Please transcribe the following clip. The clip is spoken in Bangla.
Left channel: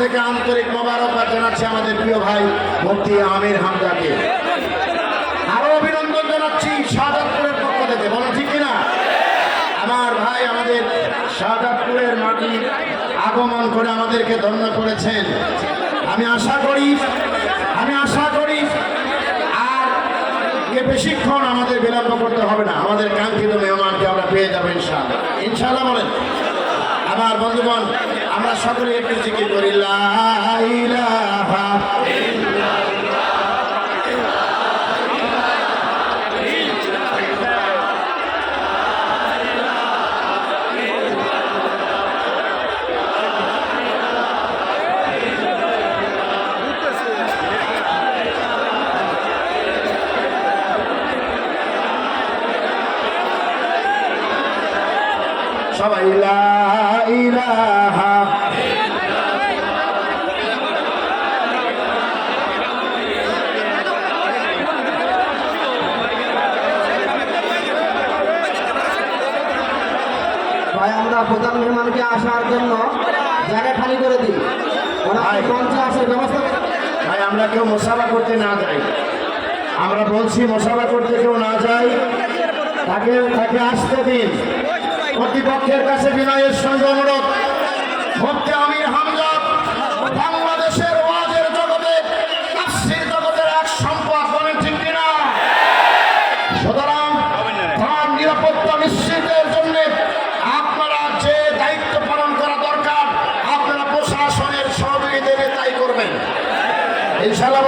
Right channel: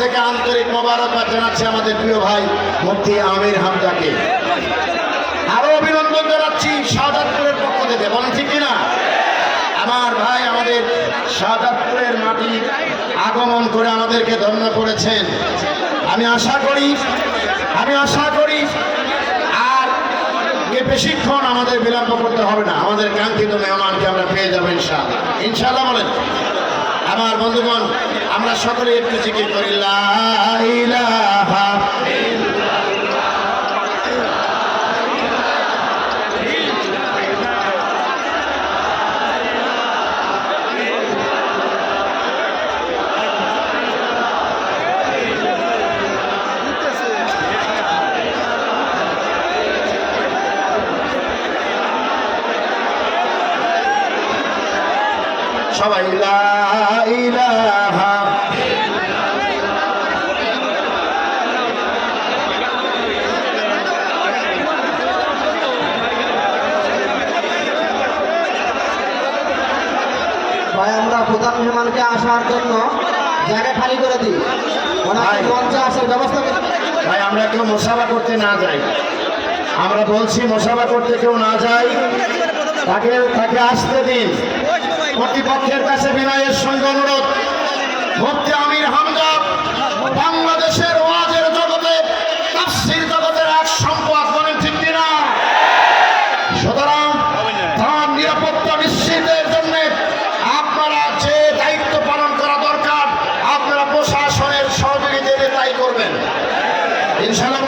থেকে আন্তরিক মোবারকবাদ জানাচ্ছি আমাদের প্রিয় ভাই মুফতি আমির হামজাকে। আরো অভিনন্দন জানাচ্ছি শাহজাদপুরের পক্ষ থেকে, বলেন ঠিক কিনা? আমার ভাই আমাদের শাহজাদপুরের মাটি আগমন করে আমাদেরকে ধন্য করেছেন। আমি আশা করি আর বেশিক্ষণ আমাদের বিলম্ব করতে হবে না, আমাদের কাঙ্ক্ষিত মেহমানকে আমরা পেয়ে যাবো ইনশাআল্লাহ। ইনশাআল্লাহ বলেন। আমার বন্ধুগণ, আমরা সকলে একটু জিকির করি লা ইলাহা সবাই লা ইলাহা ভাই আমরা প্রধান মেহমানকে আসার জন্য জায়গা খালি করে দিই, মঞ্চে আসার ব্যবস্থা করে। ভাই আমরা কেউ মুসাফা করতে না যাই, আমরা বলছি মুসাফা করতে কেউ না যাই, তাকে আসতে দিন। কর্তৃপক্ষের কাছে বিনয়ের সঙ্গে অনুরোধ, মুফতি আমির হামজা বাংলাদেশের ওয়াজের জগতে তাফসীর জগতের এক সম্পদ, বলেন ঠিক কিনা? সুতরাং তার নিরাপত্তা নিশ্চিতের জন্য আপনারা যে দায়িত্ব পালন করা দরকার আপনারা প্রশাসনের সহযোগিতা তাই করবেন ইনশাআল্লাহ।